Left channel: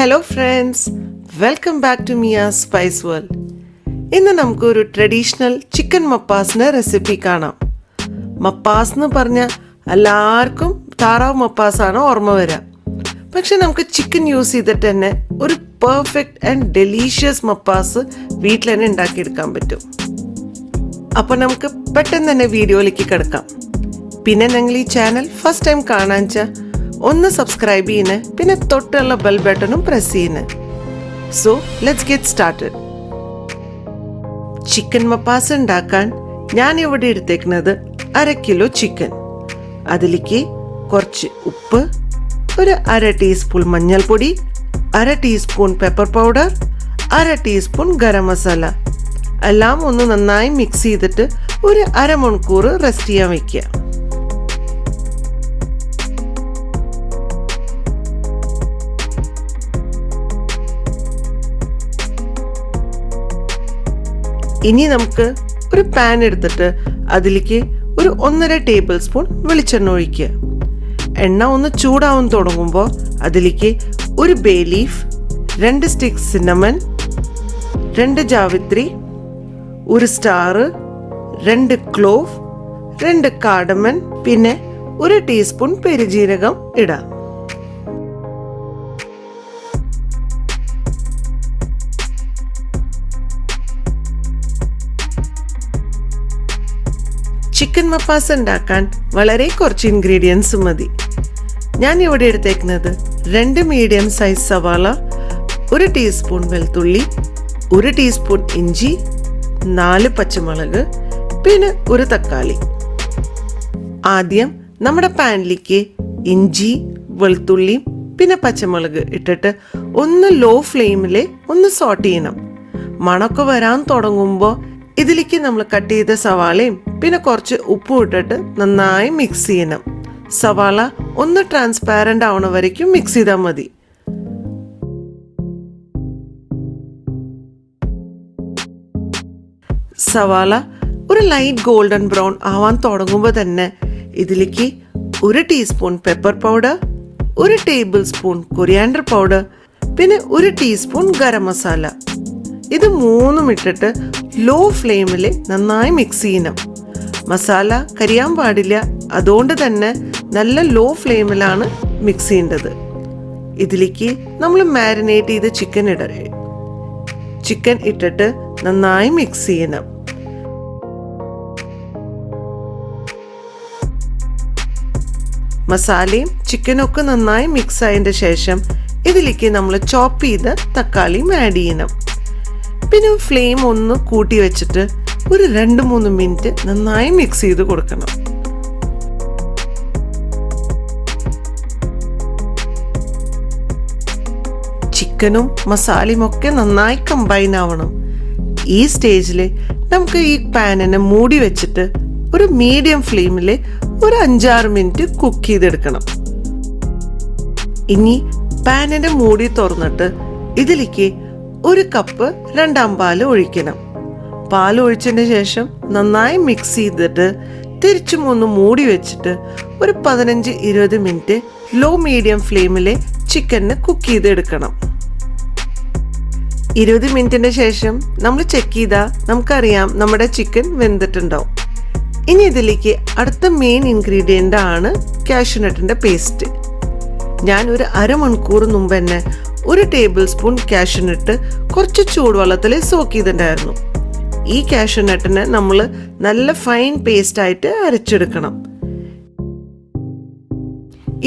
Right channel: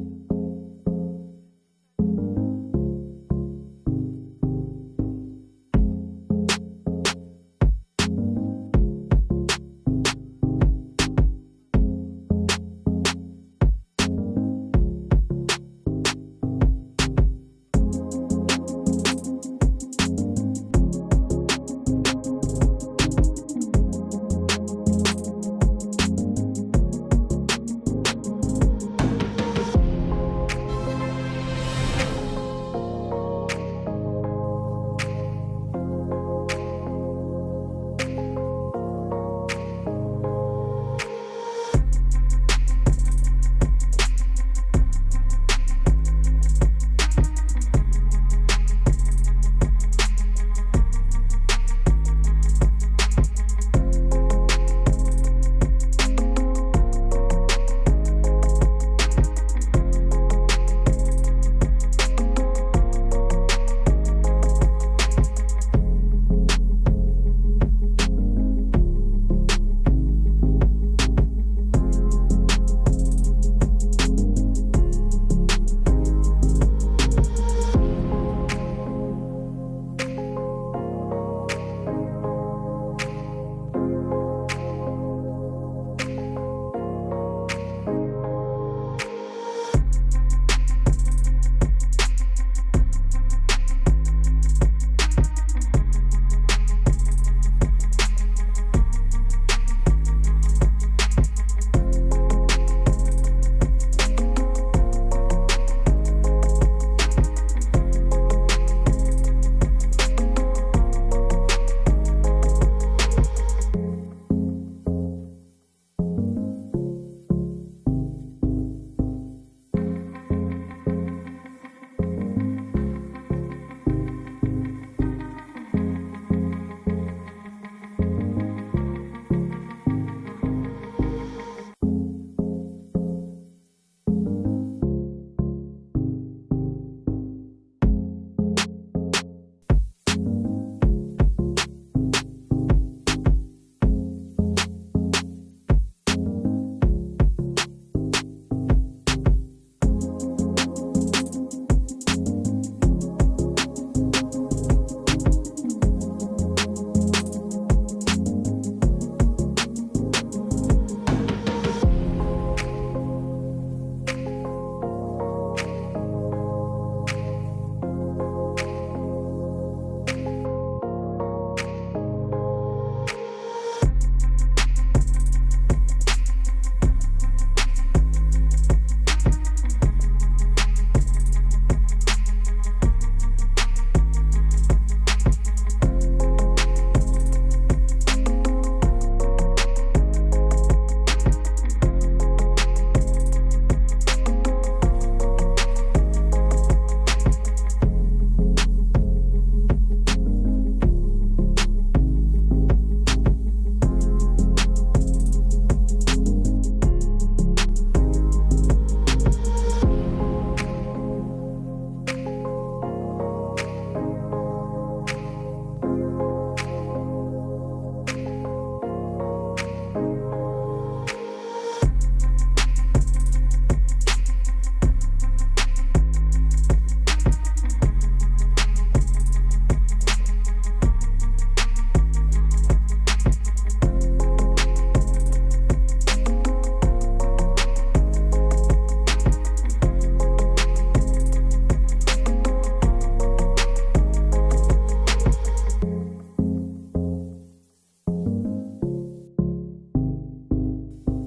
Hello friends, welcome back to Miya's spice world. ഇന്ന് നമുക്കൊരു traditional chicken മപ്പാസിൻ്റെ recipe കാണാം. മപ്പാസ് എന്ന് പറഞ്ഞാൽ എല്ലാവർക്കും താറാവ് മപ്പാസാണ് ഓർമ്മ വരിക. പക്ഷെ നമുക്ക് ചിക്കൻ യൂസ് ചെയ്തിട്ട് തന്നെ ഒരു പെർഫെക്റ്റ് ആൻഡ് ഡെലീഷ്യസ് മപ്പാസ് വീട്ടിൽ തന്നെ ഉണ്ടാക്കിയെടുക്കാൻ പറ്റും. അപ്പോൾ നമുക്ക് പെട്ടെന്ന് തന്നെ വീഡിയോയിലേക്ക് കിടക്കാം. പിന്നെ നിങ്ങൾ ഈ ചാനൽ ഫസ്റ്റ് ടൈം കാണാൻ വെച്ചാൽ ഒന്ന് സബ്സ്ക്രൈബ് ചെയ്യുന്നേ, പിന്നെ തൊട്ടുള്ള ബെൽ ബട്ടണും പ്രസ് ചെയ്യുന്നേ. So let's get started. Chicken mappas ഉണ്ടാക്കാൻ ഞാൻ ഇവിടെ എടുത്തേക്കുന്നത് 1/2 കിലോ ചിക്കൻ. അതിലേക്ക് കുറച്ച് ഉപ്പ്, ഒരു 1/2 ടീസ്പൂൺ മഞ്ഞൾപ്പൊടി, 1/2 teaspoon pepper powder, 1/2 teaspoon garam masala എല്ലാം ഒന്ന് നന്നായി മിക്സ് ചെയ്തിട്ട് ഒരു 1/2 മണിക്കൂർ റെസ്റ്റ് ചെയ്യാൻ വയ്ക്കുക. ഇനി നമുക്ക് ഒരു പാൻ എടുത്തിട്ട് അതിലേക്ക് ഒരു 1.5 ടേബിൾ സ്പൂൺ വെളിച്ചെണ്ണ ഒഴിക്കുക. എണ്ണ ഒന്ന് ചൂടാവാൻ തുടങ്ങുമ്പോൾ അതിലേക്ക് ഒരു bay leaf, 2 sticks cinnamon, 2 ജാവിത്രി, 1 star, 2 clove, 2 cardamom, പിന്നെ 1 ടീസ്പൂൺ പെരുജീരകം ഇടാം. ചിക്കൻ മപ്പാസ് ഉണ്ടാക്കാൻ വളരെ കുറച്ച് ഇൻഗ്രീഡിയൻസ് മതി. ഞാൻ ഇവിടെ എടുത്തേക്കുന്നത് 2 മീഡിയം സൈസ് സവാള, 1 ടീസ്പൂൺ വെളുത്തുള്ളി, 1 ടീസ്പൂൺ ഇഞ്ചി, 4 പച്ചമുളക്, പിന്നെ 1 തക്കാളി. ആദ്യം നമ്മുടെ പാനിലേക്ക് ഇഞ്ചി, വെളുത്തുള്ളി, പിന്നെ പച്ചമുളക് ഇട്ടിട്ട് ഒന്ന് ലോ ഫ്ലെയിമിൽ ഒന്ന് സോട്ട് ചെയ്യണം. മണമൊക്കെ വരാൻ തുടങ്ങുമ്പോൾ ഇതിലേക്ക് നമ്മൾ കട്ട് ചെയ്ത സവാളയും പിന്നെ കുറച്ച് ഉപ്പും ഇട്ടിട്ട് നന്നായി മിക്സ് ചെയ്യണം. സവാള ഒന്ന് ട്രാൻസ്പാരൻ്റ് ആവണ വരയ്ക്കും മിക്സ് ചെയ്താൽ മതി. സവാള ഒരു ലൈറ്റ് ഗോൾഡൻ ബ്രൗൺ ആവാൻ തുടങ്ങുമ്പോൾ തന്നെ ഇതിലേക്ക് 1 teaspoon pepper powder, 1 table spoon coriander powder, പിന്നെ 1 ടീസ്പൂൺ ഗരം മസാല, ഇത് 3 ഇട്ടിട്ട് ലോ ഫ്ലെയിമിൽ നന്നായി മിക്സ് ചെയ്യണം. മസാല കരിയാൻ പാടില്ല, അതുകൊണ്ട് തന്നെ നല്ല ലോ ഫ്ലെയിമിലാണ് മിക്സ് ചെയ്യേണ്ടത്. ഇതിലേക്ക് നമ്മൾ മാരിനേറ്റ് ചെയ്ത് ചിക്കൻ ഇട്ടിട്ട് നന്നായി മിക്സ് ചെയ്യണം. മസാലയും ചിക്കനും ഒക്കെ നന്നായി മിക്സ് ആയതിൻ്റെ ശേഷം ഇതിലേക്ക് നമ്മൾ ചോപ്പ് ചെയ്ത തക്കാളിയും ആഡ് ചെയ്യണം. പിന്നെ ഫ്ലെയിം ഒന്ന് കൂട്ടി വെച്ചിട്ട് ഒരു 2-3 മിനിറ്റ് നന്നായി മിക്സ് ചെയ്ത് കൊടുക്കണം. ചിക്കനും മസാലയും ഒക്കെ നന്നായി കമ്പൈൻ ആവണം. ഈ സ്റ്റേജിൽ നമുക്ക് ഈ പാനിനെ മൂടി വെച്ചിട്ട് ഒരു മീഡിയം ഫ്ലെയിമിൽ ഒരു 5-6 മിനിറ്റ് കുക്ക് ചെയ്തെടുക്കണം. ഇനി പാനിന്റെ മൂടി തുറന്നിട്ട് ഇതിലേക്ക് 1 കപ്പ് 2 പാല് ഒഴിക്കണം. പാൽ ഒഴിച്ചതിന് ശേഷം നന്നായി മിക്സ് ചെയ്തിട്ട് തിരിച്ചും ഒന്ന് മൂടി വെച്ചിട്ട് ഒരു 15-20 മിനിറ്റ് ലോ മീഡിയം ഫ്ലെയിമിൽ ചിക്കന് കുക്ക് ചെയ്തെടുക്കണം. 20 മിനിറ്റിന് ശേഷം നമ്മൾ ചെക്ക് ചെയ്താൽ നമുക്കറിയാം നമ്മുടെ ചിക്കൻ വെന്തിട്ടുണ്ടാവും. ഇനി ഇതിലേക്ക് അടുത്ത മെയിൻ ഇൻഗ്രീഡിയൻ്റ് ആണ് കാഷ്യൂനട്ടിൻ്റെ പേസ്റ്റ്. ഞാൻ ഒരു 1/2 മണിക്കൂർ മുമ്പ് തന്നെ 1 ടേബിൾ സ്പൂൺ കാഷ്യൂനട്ട് കുറച്ച് ചൂടുവെള്ളത്തിൽ സോക്ക് ചെയ്തിട്ടുണ്ടായിരുന്നു. ഈ കാഷ്യൂനട്ടിനെ നമ്മൾ നല്ല ഫൈൻ പേസ്റ്റ് ആയിട്ട് അരച്ചെടുക്കണം.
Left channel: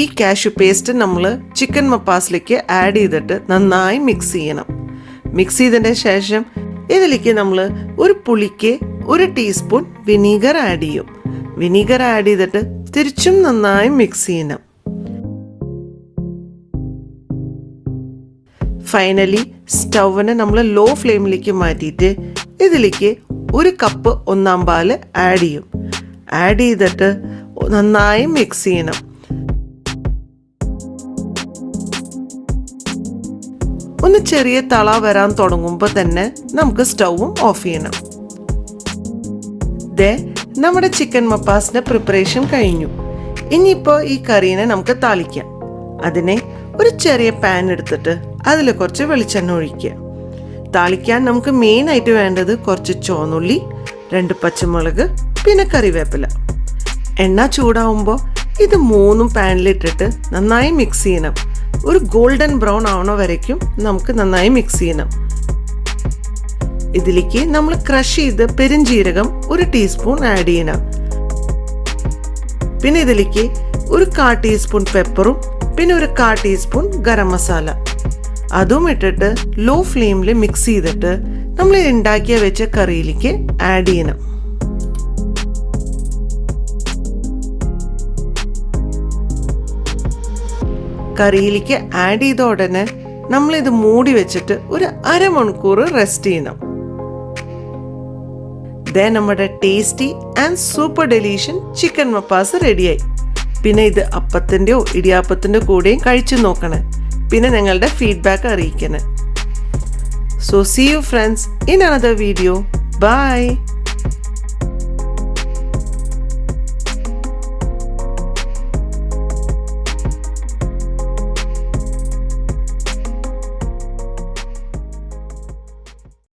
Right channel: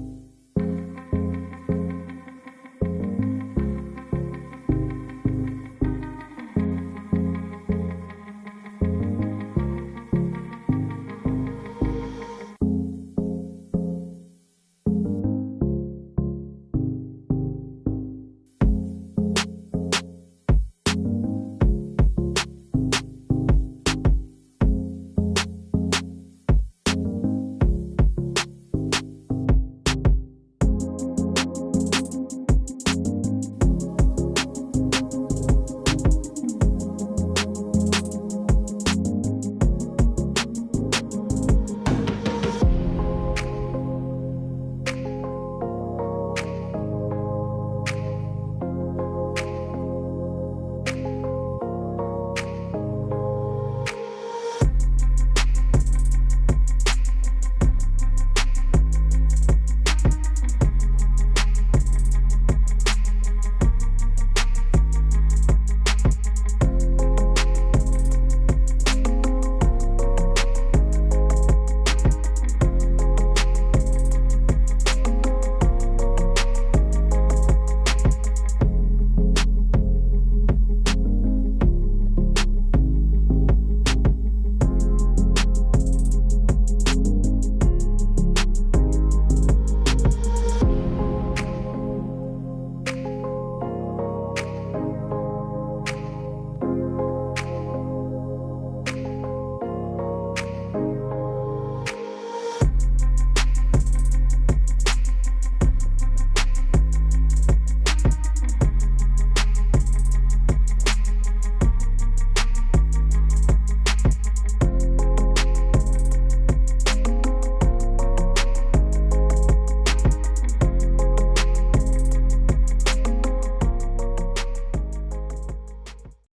ഈ കാഷ്യൂ പേസ്റ്റ് നമ്മൾ ചിക്കൻ മപ്പാസിലേക്ക് ആഡ് ചെയ്തിട്ട് നന്നായി മിക്സ് ചെയ്യണം. മിക്സ് ചെയ്തതിന് ശേഷം ഇതിലേക്ക് നമ്മൾ ഒരു പുളിക്ക് 1 ടീസ്പൂൺ വിനീഗർ ആഡ് ചെയ്യും. വിനീഗർ ആഡ് ചെയ്തിട്ട് തിരിച്ചും നന്നായി മിക്സ് ചെയ്യണം. ഫൈനലി സ്റ്റൗവിനെ നമ്മൾ ലോ ഫ്ലെയിമിലേക്ക് മാറ്റിയിട്ട് ഇതിലേക്ക് 1 കപ്പ് 1 പാല് ആഡ് ചെയ്യും. ആഡ് ചെയ്തിട്ട് നന്നായി മിക്സ് ചെയ്യണം. ഒന്ന് ചെറിയ തള വരാൻ തുടങ്ങുമ്പോൾ തന്നെ നമുക്ക് സ്റ്റൗവും ഓഫ് ചെയ്യണം. നമ്മുടെ ചിക്കൻ മപ്പാസിന്റെ പ്രിപ്പറേഷൻ കഴിഞ്ഞു. ഇനിയിപ്പോൾ ഈ കറീനെ നമുക്ക് താളിക്കാം. അതിനെ ഒരു ചെറിയ പാൻ എടുത്തിട്ട് അതിൽ കുറച്ച് വെളിച്ചെണ്ണ ഒഴിക്കുക. താളിക്കാൻ നമുക്ക് മെയിനായിട്ട് വേണ്ടത് കുറച്ച് ചുവന്നുള്ളി, 2 പച്ചമുളക്, പിന്നെ കറിവേപ്പില. എണ്ണ ചൂടാവുമ്പോൾ ഇത് 3 പാനിലിട്ടിട്ട് നന്നായി മിക്സ് ചെയ്യണം. ഒരു ഗോൾഡൻ ബ്രൗൺ ആവണ വരയ്ക്കും നമുക്ക് നന്നായി മിക്സ് ചെയ്യണം. ഇതിലേക്ക് നമ്മൾ ക്രഷ് ചെയ്ത് പെരുംജീരകം 1 ടീസ്പൂൺ ആഡ് ചെയ്യണം. പിന്നെ ഇതിലേക്ക് ഒരു 1/4 ടീസ്പൂൺ പെപ്പറും പിന്നെ ഒരു 1/4 ടീസ്പൂൺ ഗരം മസാല അതും ഇട്ടിട്ട് ലോ ഫ്ലെയിമിൽ മിക്സ് ചെയ്തിട്ട് നമ്മൾ ഉണ്ടാക്കിയ വെച്ച കറിയിലേക്ക് ആഡ് ചെയ്യണം. കറിയിലേക്ക് ആഡ് ചെയ്ത ഉടനെ നമ്മളിത് മൂടി വെച്ചിട്ട് ഒരു അരമണിക്കൂർ റെസ്റ്റ് ചെയ്യണം. നമ്മുടെ ടേസ്റ്റി ആൻഡ് സൂപ്പർ ഡെലീഷ്യൻ ചിക്കൻ മപ്പാസ് റെഡിയായി. പിന്നെ ഇത് അപ്പത്തിൻ്റെയോ ഇടിയാപ്പത്തിൻ്റെ കൂടെയും കഴിച്ചു നോക്കണേ. പിന്നെ നിങ്ങളുടെ ഫീഡ്ബാക്ക് അറിയിക്കണേ. So see you friends in another video. By.